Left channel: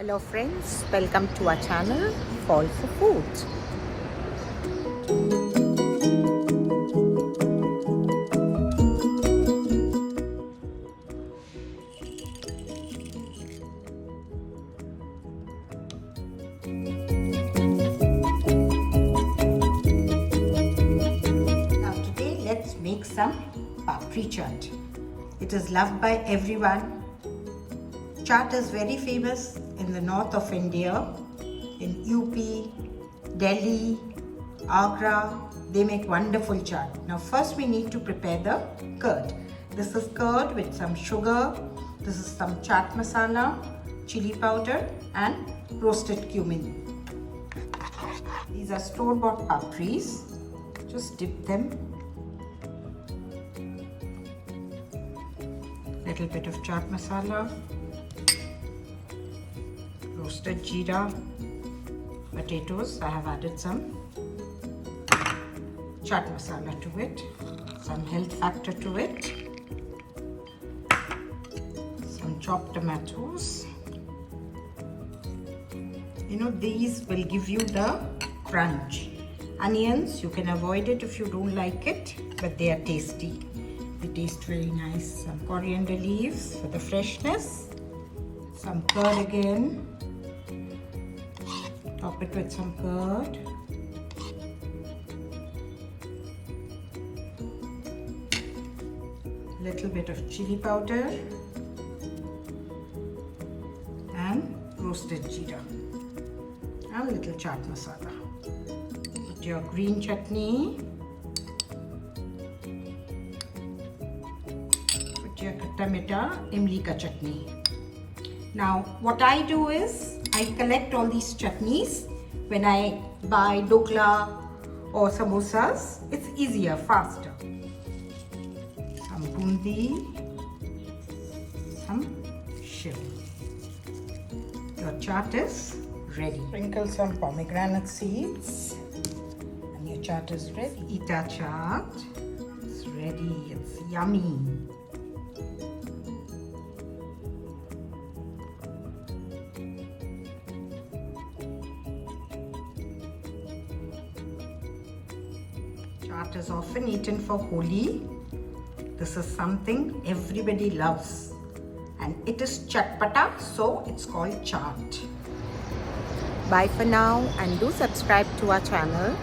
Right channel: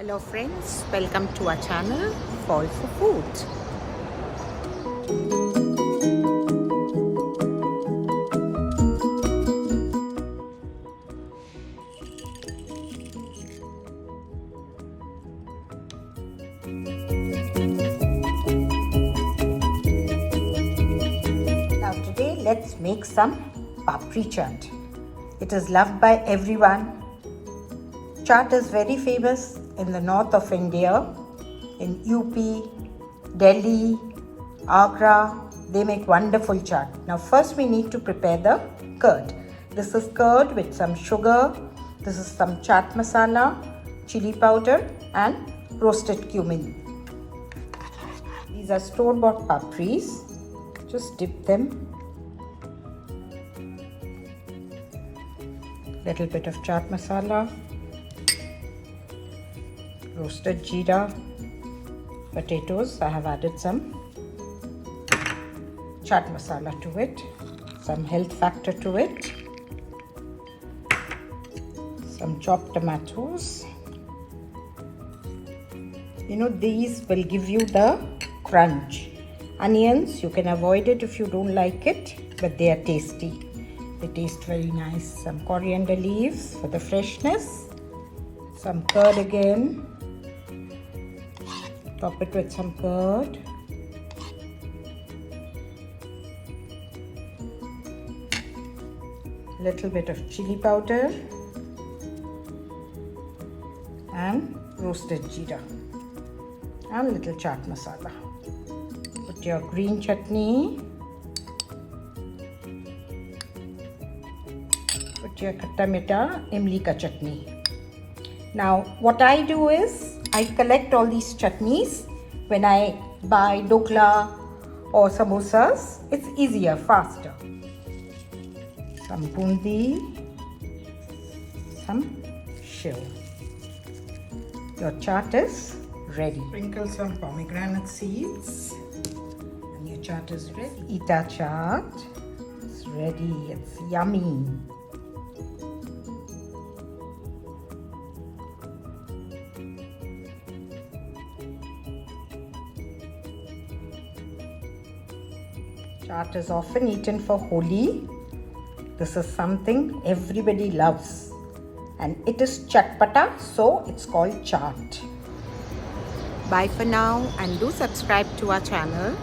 Hello friends, welcome to our channel Fall for Food. Now today let's make some Papri Chaat. It is loved by everyone. Chaat is very famous in the north of India, in UP, Delhi, Agra. They make wonderful chaat. Now first we need to prepare the curd. This is curd with some sugar. This is some chaat masala, chili powder and roasted cumin. These are store-bought papris. Just dip them. Little bit of chaat masala. Roasted jeera, potatoes. I have added some chaat masala to it, some health factor to it, some chopped tomatoes. These will give you the crunch. Onions, you can avoid it if you don't like it, but they are tasty. They taste very nice. Some coriander leaves for the freshness. Some curd again. Top it with some curd. Little bit of chili powder and roasted jeera and little chaat masala. Put your green chutney. Put your khatta meetha imli ka chutney. Now what I do is I collect all these chutneys when I buy dokla or samosas. It's easier, faster. Some bundi, some shiv. Your chaat is ready. Sprinkle some pomegranate seeds and your chaat is ready. Eat our chaat. It's ready. It's yummy. Chaat is often eaten for Holi. This is something everybody loves. And it is chatpata, so it's called chaat. Bye for now and do subscribe to our channel.